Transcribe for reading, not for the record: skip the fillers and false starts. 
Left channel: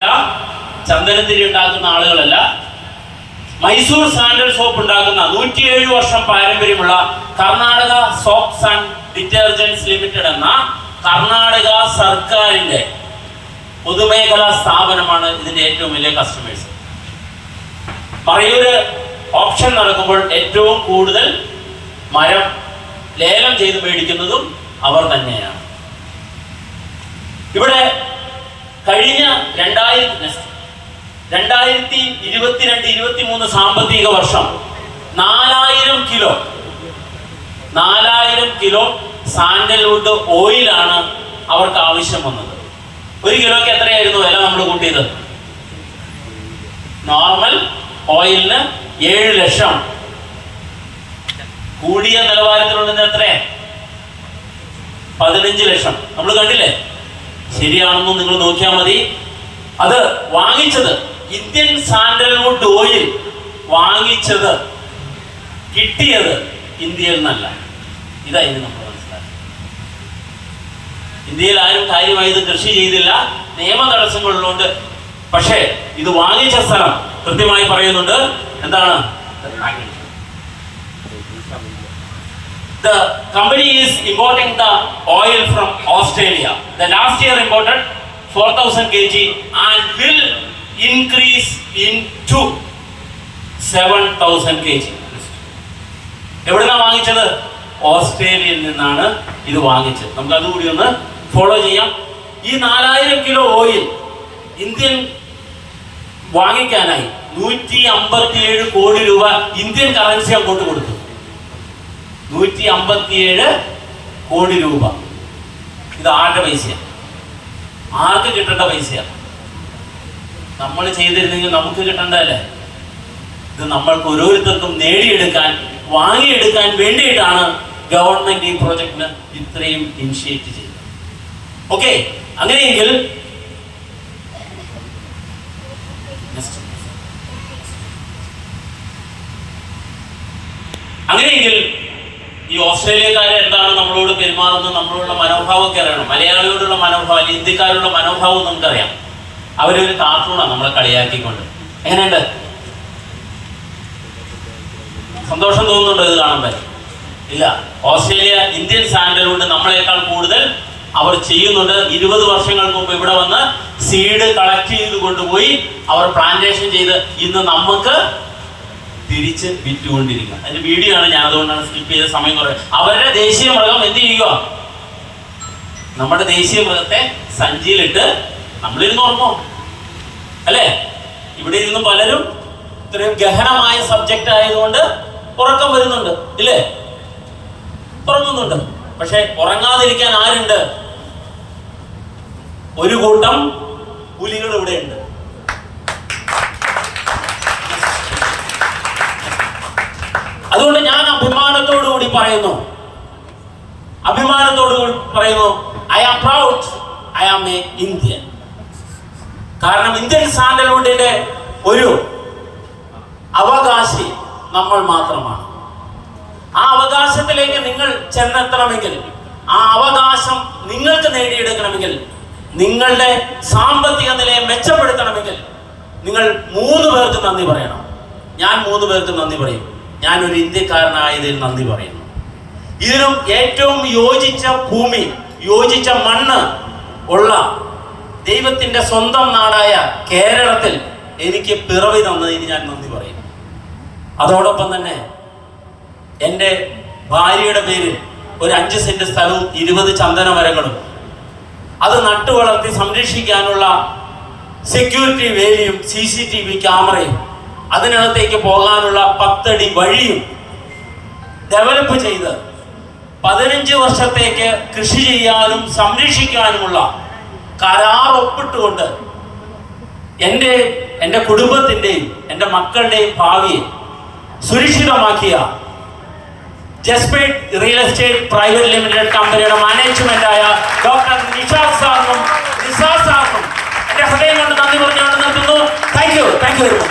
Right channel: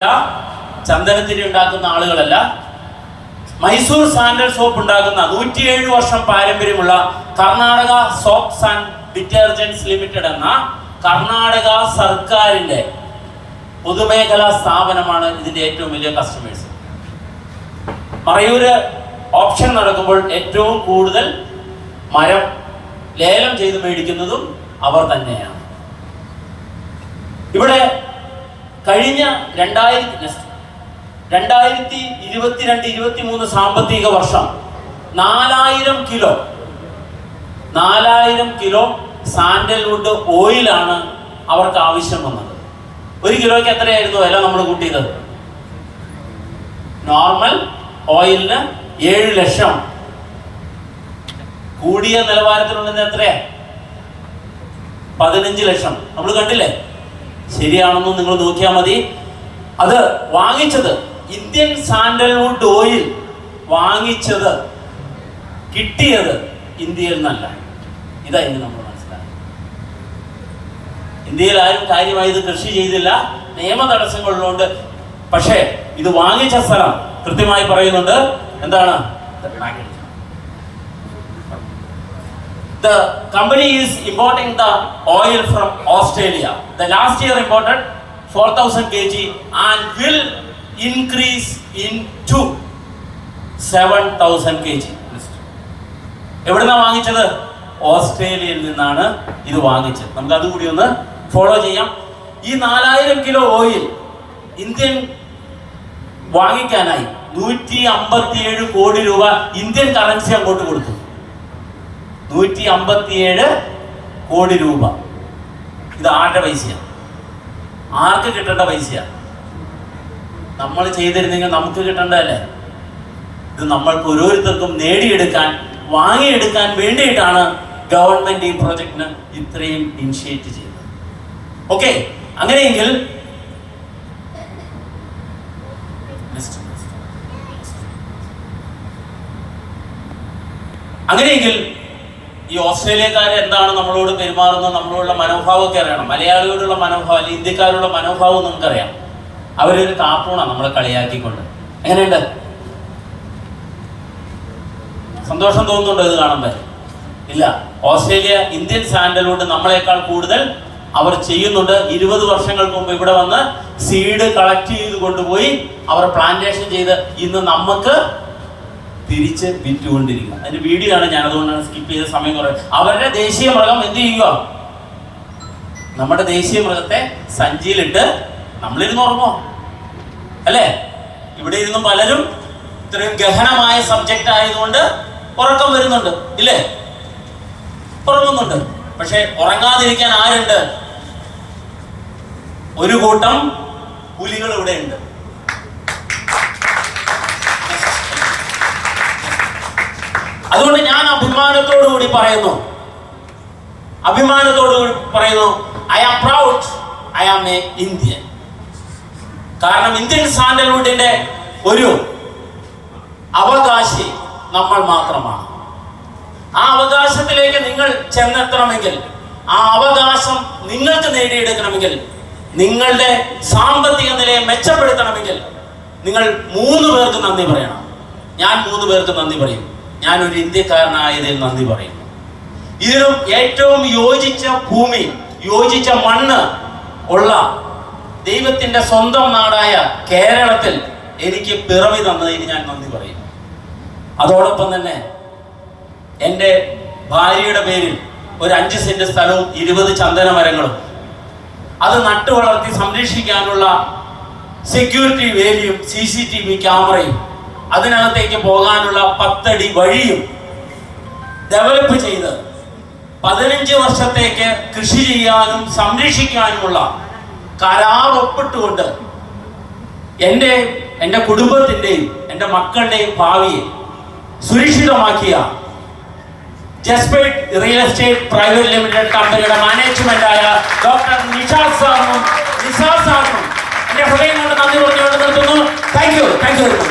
ചന്ദനത്തിരി ഉണ്ടാക്കുന്ന ആളുകളല്ല. Mysore sandal soap ഉണ്ടാക്കുന്ന 107 വർഷം പാരമ്പര്യമുള്ള Karnataka soaps and detergents limited എന്ന കർണാടക സർക്കാരിന്റെ പൊതുമേഖലാ സ്ഥാപനമാണ് ഇതിന്റെ ഏറ്റവും വലിയ കസ്റ്റമേഴ്സ്. മറയൂര് ഓപ്ഷൻ നടക്കുമ്പോൾ ഏറ്റവും കൂടുതൽ മരം ലേലം ചെയ്ത് മേടിക്കുന്നതും അവർ തന്നെയാണ്. ഇവിടെ കഴിഞ്ഞ 2022-23 സാമ്പത്തിക വർഷം 4000 കിലോ സാൻഡൽവുഡ് ഓയിലാണ് അവർക്ക് ആവശ്യം വന്നത്. 1 കിലോയ്ക്ക് എത്രയായിരുന്നു വില നമ്മൾ കൂട്ടിയത്? നോർമൽ ഓയിലിന് 7 ലക്ഷം, കൂടിയ നിലവാരത്തിലുള്ളത് എത്ര? 15 ലക്ഷം. നമ്മൾ കണ്ടില്ലേ? ശരിയാണെന്ന് നിങ്ങൾ നോക്കിയാൽ മതി. അത് വാങ്ങിച്ചത് ഇന്ത്യൻ സാൻഡൽവുഡ് ഓയിൽ വാങ്ങിച്ചത് കിട്ടിയത് ഇന്ത്യയിൽ നിന്നല്ല. ഇതായിരുന്നു നമ്മൾ മനസ്സിലാക്കുക. ഇന്ത്യയിൽ ആരും കാര്യമായി ഇത് കൃഷി ചെയ്തില്ല, നിയമ തടസ്സങ്ങളുണ്ട്. പക്ഷേ ഇത് വാങ്ങിച്ച സ്ഥലം കൃത്യമായി പറയുന്നുണ്ട്. എന്താണ്? The company is importing the oil from Australia. The last year imported 4,000 kg and will increase into 7,000 kg. എവിടുന്നാ വാങ്ങിച്ചത്? ഓസ്ട്രേലിയയിൽ നിന്നാണ് ഇത് വാങ്ങിച്ചത്. നമുക്ക് അതുകൂടി ഒന്ന് ഫോളോ ചെയ്യാം. ഈ 4000 കിലോ ഓയിൽ ഇന്ത്യൻ വാങ്ങിക്കാനായി 157 കോടി രൂപ ഇന്ത്യൻ കറൻസി അങ്ങോട്ട് കൊടുത്തു. 157 കോടി രൂപ. ഇത് ആരുടെ പൈസയാണ്? ആർക്ക് കിട്ടേണ്ട പൈസയാണ്? നമ്മൾ ചെയ്തിരുന്നെങ്കിൽ നമുക്ക് കിട്ടേണ്ടതല്ലേ? ഇത് നമ്മൾക്ക് ഓരോരുത്തർക്കും നേടിയെടുക്കാൻ, വാങ്ങിയെടുക്കാൻ വേണ്ടിയിട്ടാണ് ഗവൺമെന്റ് ഈ പ്രോജക്റ്റിന് ഇത്രയും ഇനിഷ്യേറ്റ് ചെയ്തത്. ഓക്കെ, അങ്ങനെയെങ്കിൽ ഈ ഓസ്ട്രേലിയക്കാരെ എന്താണ് നമ്മളോട് പെരുമാറുന്നത്, നമ്മളോടുള്ള മനോഭാവമൊക്കെ അറിയണം. മലയാളിയോടുള്ള മനോഭാവം അല്ലെങ്കിൽ ഇന്ത്യക്കാരോടുള്ള മനോഭാവം നമുക്കറിയാം. അവരൊരു കാർട്ടൂണാണ് നമ്മളെ കളിയാക്കിക്കൊണ്ട്. എങ്ങനെയുണ്ട്? സന്തോഷം തോന്നുന്നുണ്ടോ ഇത് കാണുമ്പോൾ? ഇല്ല. ഓസ്ട്രേലിയ ഇന്ത്യൻ സാൻഡൽവുഡ് നമ്മളെക്കാൾ കൂടുതൽ അവർ ചെയ്യുന്നുണ്ട്. 20 വർഷങ്ങൾക്ക് മുമ്പ് ഇവിടെ വന്ന് സീഡ് കളക്ട് ചെയ്ത് കൊണ്ടുപോയി അവർ പ്ലാന്റേഷൻ ചെയ്ത് ഇന്ന് നമുക്ക് തിരിച്ച് വിറ്റുകൊണ്ടിരിക്കുക. അതിന്റെ വീഡിയോ ആണ്, ഞാൻ അതുകൊണ്ടാണ് സ്കിപ്പ് ചെയ്ത സമയം കുറേ. അവരുടെ ദേശീയ മൃഗം എന്ത് ചെയ്യുക? നമ്മുടെ ദേശീയ മൃഗത്തെ സഞ്ചിയിലിട്ട് നമ്മളിരുന്ന് ഉറങ്ങുമോ? അല്ലേ? ഇവിടെ ഇരുന്ന് പലരും ഇത്രയും ഗഹനമായ സബ്ജക്റ്റ് ആയതുകൊണ്ട് ഉറക്കം വരുന്നുണ്ട്, ഇല്ലേ? ഉറങ്ങുന്നുണ്ട്. പക്ഷെ ഉറങ്ങാതിരിക്കാൻ ആരുണ്ട്? ഒരു കൂട്ടം പുലികൾ ഇവിടെ ഉണ്ട്. അതുകൊണ്ട് ഞാൻ അഭിമാനത്തോടു കൂടി പറയുന്നു, I am proud, I am a Indian. കാരണം ഇന്ത്യൻ സാൻഡൽവുഡിന്റെ ഒരു അവകാശി നമ്മൾ മാത്രമാണ്. ആ അവകാശത്തിലേക്ക് നിങ്ങൾ ചെന്നെത്തണമെങ്കിൽ, ആ അവകാശം നിങ്ങൾക്ക് നേടിയെടുക്കണമെങ്കിൽ, നിങ്ങളുടെ സാമ്പത്തിക നിലയെ മെച്ചപ്പെടുത്തണമെങ്കിൽ നിങ്ങൾ 3 പേർക്ക് നന്ദി പറയണം. ഞാൻ 3 പേർക്ക് നന്ദി പറയും. ഞാൻ ഒരു ഇന്ത്യക്കാരനായതിൽ നന്ദി പറയുന്നു. ഇതിനും ഏറ്റവും യോജിച്ച ഭൂമി, യോജിച്ച മണ്ണ് ഉള്ള ദൈവത്തിന്റെ സ്വന്തം നാടായ കേരളത്തിൽ എനിക്ക് പിറവി തന്നതിന് ഞാൻ നന്ദി പറയുന്നു. അതോടൊപ്പം തന്നെ എൻ്റെ ഭാര്യയുടെ പേരിൽ ഒരു 5 സെന്റ് സ്ഥലവും 20 ചന്ദന മരങ്ങളും അത് നട്ടു വളർത്തി സംരക്ഷിക്കാനുള്ള സെക്യൂരിറ്റി വേലിയും CCTV ക്യാമറയും അതിനകത്തേക്ക് പോകാനുള്ള 10 അടി വഴിയും ഡെവലപ്പ് ചെയ്ത് 15 വർഷത്തേക്ക് കൃഷി ചെയ്യാനും സംരക്ഷിക്കാനുമുള്ള കരാർ ഒപ്പിട്ടുകൊണ്ട് എൻ്റെ കുടുംബത്തിൻ്റെയും എൻ്റെ മക്കളുടെയും ഭാവിയെ സുരക്ഷിതമാക്കിയ ജസ്പേറ്റ് റിയൽ എസ്റ്റേറ്റ് പ്രൈവറ്റ് ലിമിറ്റഡ് കമ്പനിയുടെ മാനേജ്മെന്റായ ഡോക്ടർ നിഷാദ് സാറിനും എൻ്റെ ഹൃദയം കൊണ്ട് നന്ദി പറഞ്ഞുകൊണ്ട് നിർത്തുന്നു. Thank you very much.